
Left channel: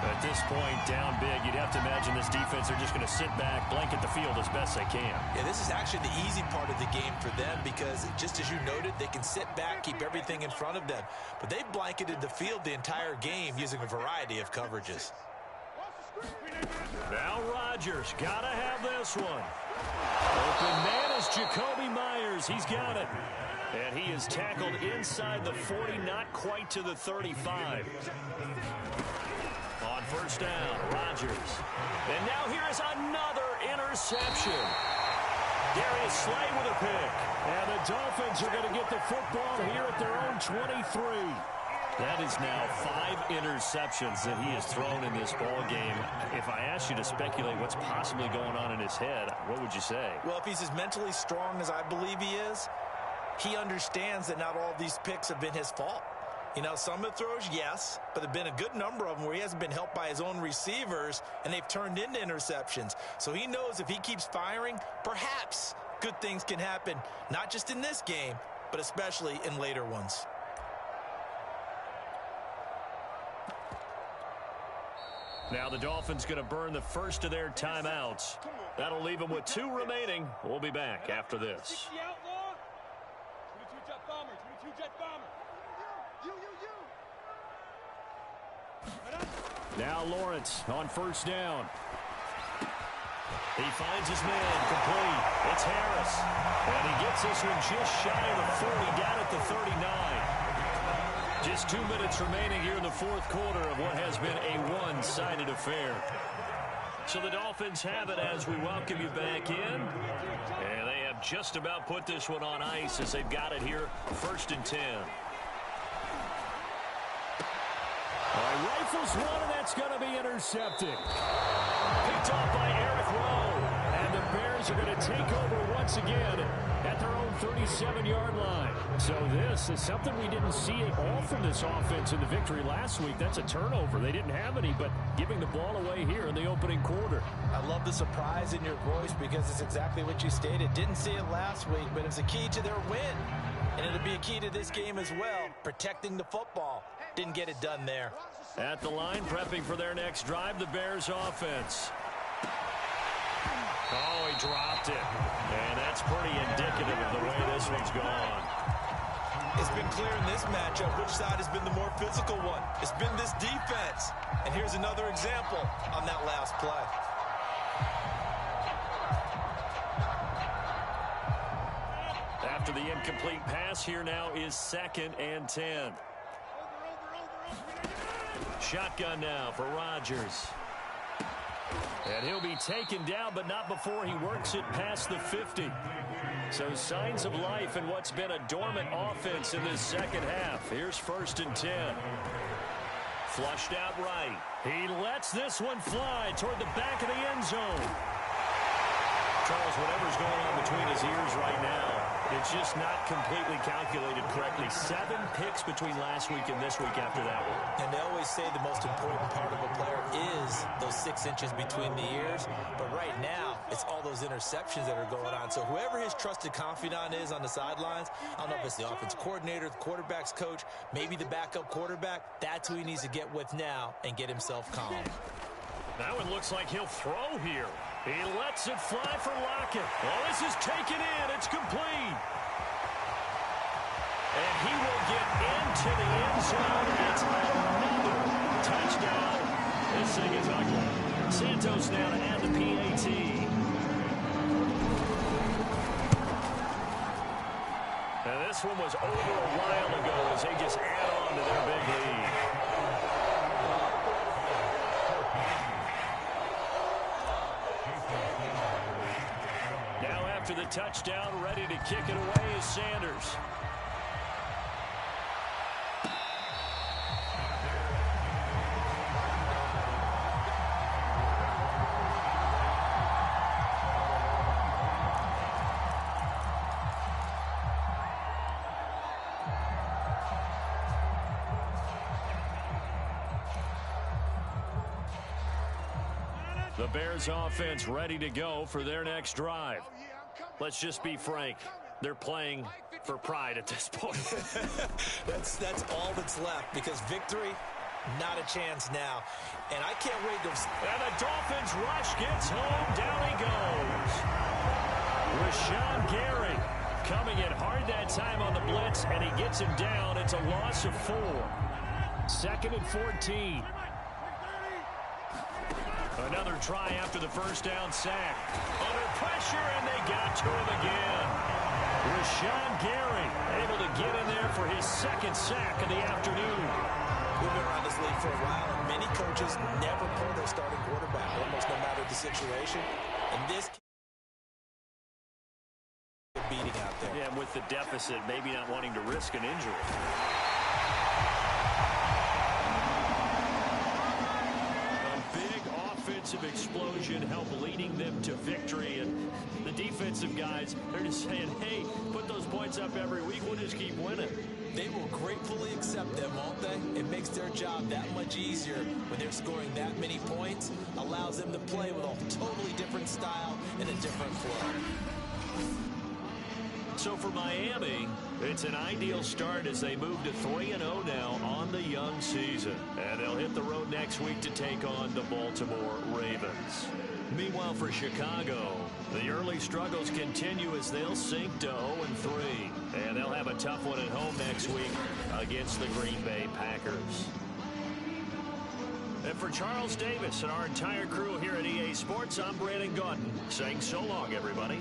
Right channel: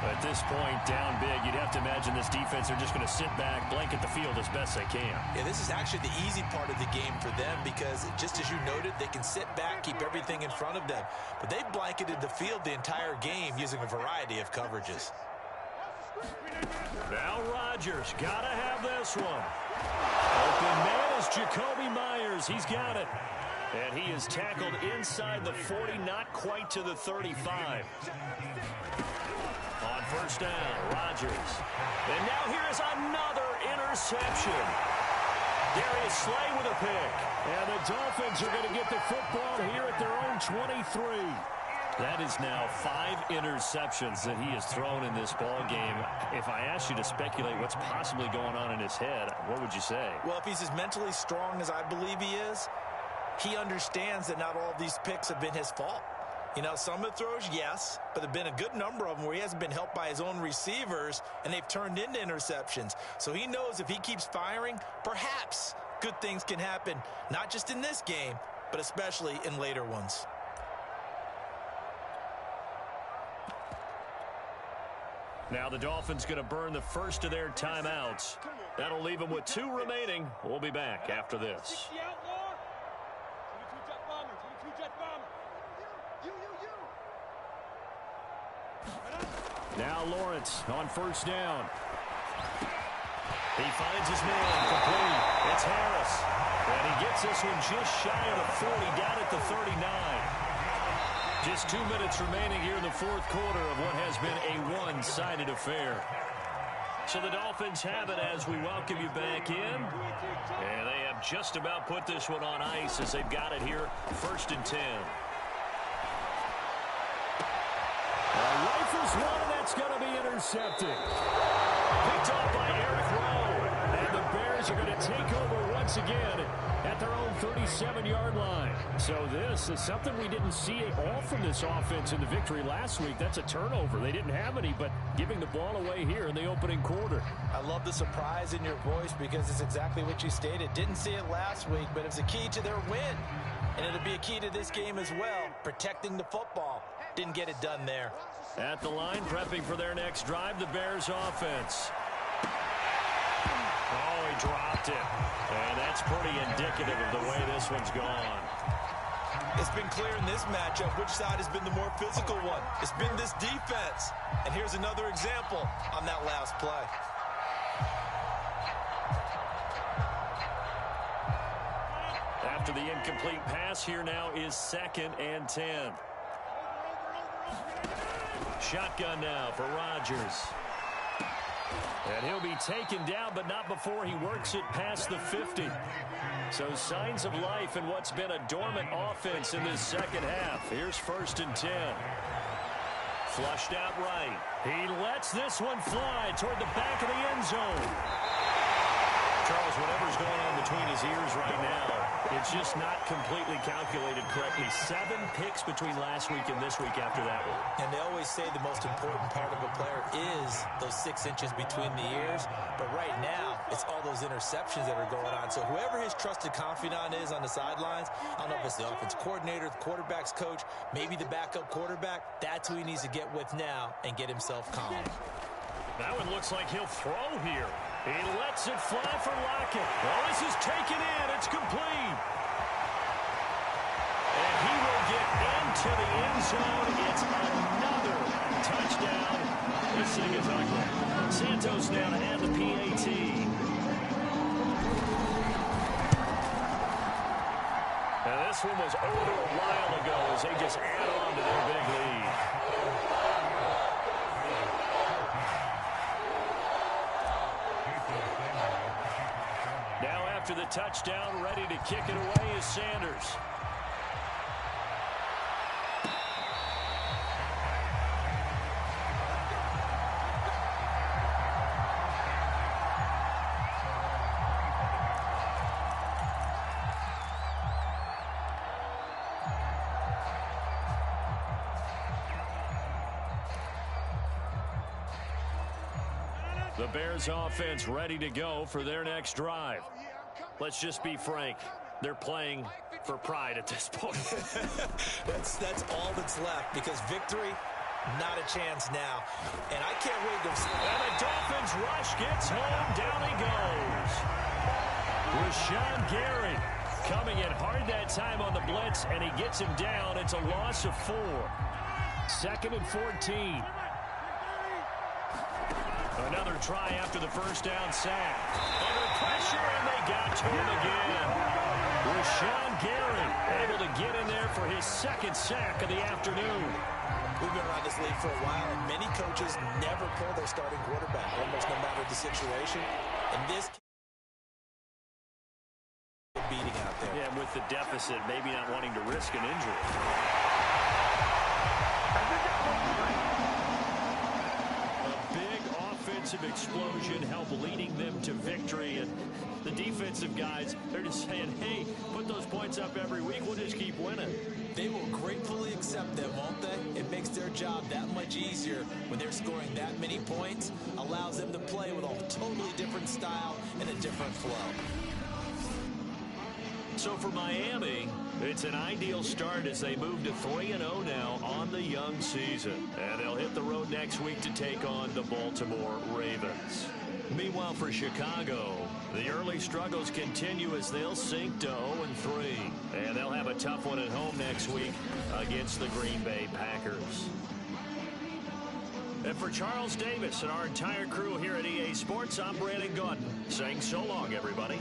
At this point, down big, you'd have to imagine this defense are just going to sit back, blanket the field as best they can. Yeah, this is actually the easy part of the game for them because, just as you noted, they can sit back, keep everything in front of them. But they've blanketed the field the entire game using a variety of coverages. Now Rodgers, gotta have this one. Open man is Jacoby Myers. He's got it. And he is tackled inside the 40, not quite to the 35. On 1st down, Rodgers. And now here is another interception. Darius Slay with a pick. And the Dolphins are going to get the football here at their own 23. That is now 5 interceptions that he has thrown in this ball game. If I asked you to speculate what's possibly going on in his head, what would you say? Well, if he's as mentally strong as I believe he is, he understands that not all of these picks have been his fault. You know, some of the throws, yes, but there have been a good number of them where he hasn't been helped by his own receivers, and they've turned into interceptions. So he knows if he keeps firing, perhaps good things can happen, not just in this game, but especially in later ones. Now the Dolphins going to burn the first of their timeouts. That'll leave them with 2 remaining. We'll be back after this. 60 outlaw. 22 jet bomber. 22 jet bomber. Now Lawrence on 1st down. He finds his man, complete. It's Harris. And he gets this one just shy of the 40, down at the 39. Just 2 minutes remaining here in the fourth quarter of what has been a one-sided affair. So the Dolphins have it as we welcome you back in. And they have just about put this one on ice as they've got it here, 1st and 10. All right, rifles one, and that's going to be intercepted. Picked off by Eric Rowe. And the Bears are going to take over once again at their own 37-yard line. So this is something we didn't see at all from this offense in the victory last week. That's a turnover. They didn't have any, but giving the ball away here in the opening quarter. I love the surprise in your voice because it's exactly what you stated. Didn't see it last week, but it's a key to their win. And it'll be a key to this game as well, protecting the football. Didn't get it done there. At the line, prepping for their next drive, the Bears offense. Oh, he dropped it. And that's pretty indicative of the way this one's gone. It's been clear in this matchup which side has been the more physical one. It's been this defense. And here's another example on that last play. After the incomplete pass, here now is 2nd and 10. Shotgun now for Rodgers. And he'll be taken down, but not before he works it past the 50. So signs of life in what's been a dormant offense in this second half. Here's 1st and 10. Flushed out right. He lets this one fly toward the back of the end zone. Charles, whatever's going on between his ears right now, it's just not completely calculated correctly. 7 picks between last week and this week after that one. And they always say the most important part of a player is those 6 inches between the ears. But right now, it's all those interceptions that are going on. So whoever his trusted confidant is on the sidelines, I don't know if it's the offense coordinator, the quarterback's coach, maybe the backup quarterback, that's who he needs to get with now and get himself calm. That one looks like he'll throw here. He lets it fly for Lockett. Well, this is taken in. It's complete. And he will get into the end zone. It's another touchdown. This thing is ugly. Santos now to add the PAT. Now this one was over a while ago as they just add on to their big lead. Now after the touchdown, ready to kick it away is Sanders. The Bears offense ready to go for their next drive. Let's just be frank. They're playing for pride at this point. That's all that's left because victory, not a chance now. And I can't wait to... And the Dolphins rush gets home. Down he goes. Rashawn Gary coming in hard that time on the blitz, and he gets him down. It's a loss of 4. 2nd and 14. Another try after the first down sack. Under pressure, and they got to him again. Rashawn Gary able to get in there for his 2nd sack of the afternoon. We've been around this league for a while, and many coaches never pull their starting quarterback, almost no matter the situation. And this beating out there. Yeah, and with the deficit, maybe not wanting to risk an injury. Offensive explosion help leading them to victory, and the defensive guys, they're just saying, hey, put those points up every week, we'll just keep winning. They will gratefully accept them, won't they? It makes their job that much easier when they're scoring that many points, allows them to play with a totally different style and a different flow. So for Miami, it's an ideal start as they move to 3-0 now on the young season. And they'll hit the road next week to take on the Baltimore Ravens. Meanwhile, for Chicago, the early struggles continue as they'll sink to 0-3. And they'll have a tough one at home next week against the Green Bay Packers. And for Charles Davis and our entire crew here at EA Sports, I'm Brandon Gaudin, saying so long, everybody.